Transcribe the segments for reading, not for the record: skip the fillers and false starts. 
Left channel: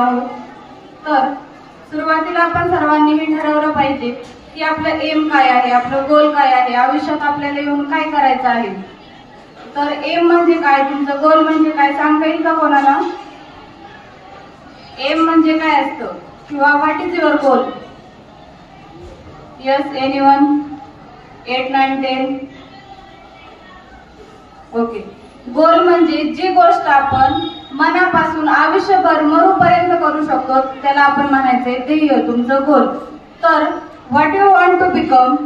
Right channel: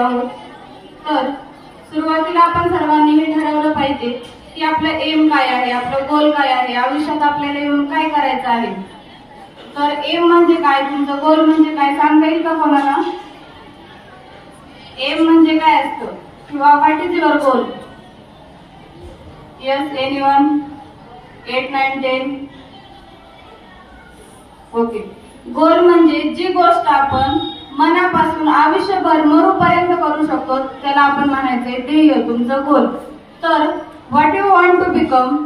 आहोत. तर सुरुवातीला आपण सर्वांनी हे ठरवलं पाहिजे की आपलं एम काय आहे, आपलं गोल काय आहे, आयुष्यात आपल्याला येऊन काय करायचं आहे. तर एम म्हणजे काय, तुमचं गोल म्हणजे काय सांगता येईल का कोणाला? एम म्हणजे काय असतं किंवा what is your goal? Yes, anyone? 8, 9, 10? Okay. Goal म्हणजे जी गोष्ट आपण मनापासून आयुष्यभर मरूपर्यंत करू शकतो त्याला आपण म्हणायचंय ध्येय, तुमचं गोल. तर what you want to become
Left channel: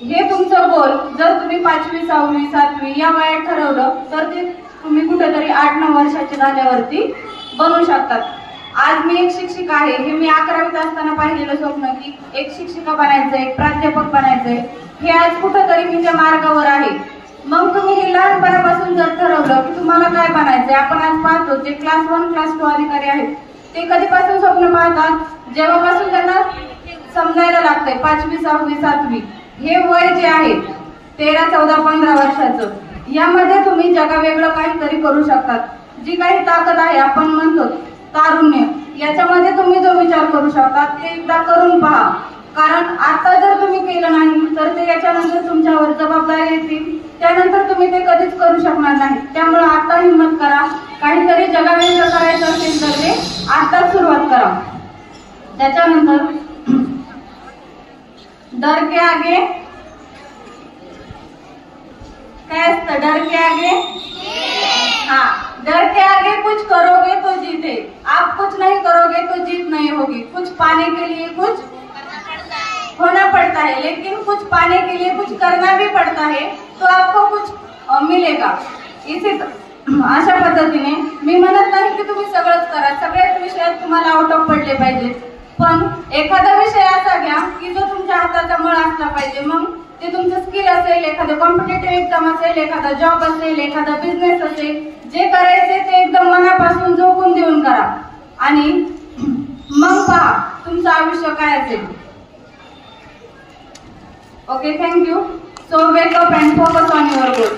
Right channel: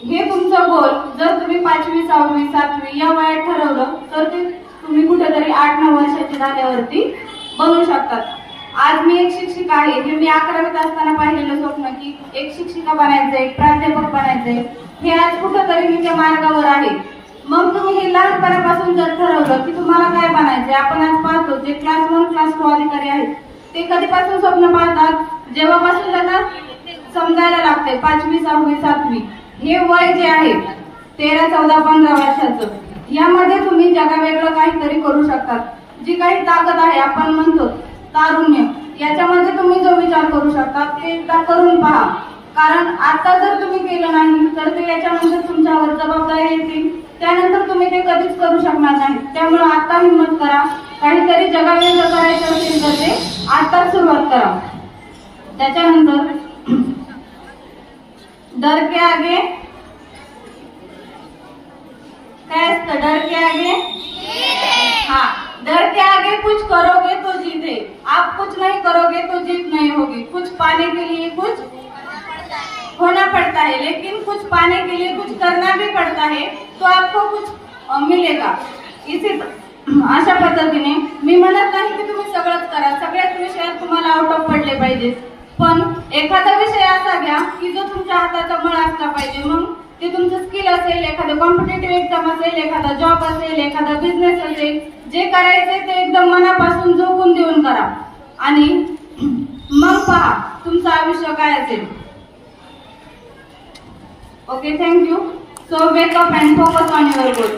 हे तुमचं गोल जर तुम्ही 5वी 6वी 7वी या वयात ठरवलं तर ते तुम्ही कुठेतरी 8-9 वर्षाचे झाल्यावरती बनवू शकतात. आज मी एक शिक्षिका आहे, हे मी 11वीत असताना पाहिलेलं स्वप्न की एक शिक्षिका बनायचंय, एक प्राध्यापक बनायचंय, हे आज कुठेतरी मी त्या मार्गावर आहे. मग तुम्ही हे लहानपणापासून जर ठरवलं की तुम्हाला काय बनायचंय, आपण आज पाहतो जे क्लास 1 क्लास 2 अधिकारी आहेत ते कधीपासून स्वप्न पाहतात, जेव्हापासून त्यांना समजायला लागतंय 5वी 6वी 7वी हे वय जे आहे 13, 14, 15 वर्षाचं, यामध्ये तुम्ही जगावेगळं काहीतरी करू शकतात. जी काही ताकद आहे, आपण म्हणतो तारुण्य, याच्यामध्ये तुम्ही जो विचार करू शकता ते एकदा करून पहा. कारण आता जर तुम्ही केलं नाही तर ते याच्यानंतर तुमच्यावर जबाबदारी येतील, त्यानंतर तुम्ही ते कधीच करू शकणार नाही. त्यामुळे आता हिम्मत करा, काहीतरी जगावेगळं करायचं असेल तर ते आताच सुरुवात करा. त्याच्यानंतर डर के आगे काय असतं? डर के आगे हाँ, डर के आगे कुछ करोगे तो जीते, आप कुछ नहीं करोगे तो जीत नहीं होगी. कुछ पाने के लिए कुछ होना पड़ता है, लेकिन कुछ पाने के लिए कुछ करना भी पड़ता है, तो आपको कुछ मिलेगा. इसी अशा पद्धतीने मी म्हणत नाही की तुम्ही सगळंच करा, सगळ्याच विषयात तुम्हाला आउट ऑफ पडले पाहिजे, पण एखादा विषय असा घ्या की जो तुमच्या हाताचा मळ असला पाहिजे. मग ते तुमचं स्किल असेल, एखादं कॉम्पिटेटिव्ह एक्झाम असेल, एखादा जॉब असेल, एखादा बिझनेस असेल, जे करायचे ते एकदम मनापासून झोकून देऊन करा आणि मग पहा तुमचं आयुष्य काय असेल. Okay, thank you. So wake up and focus on your goal.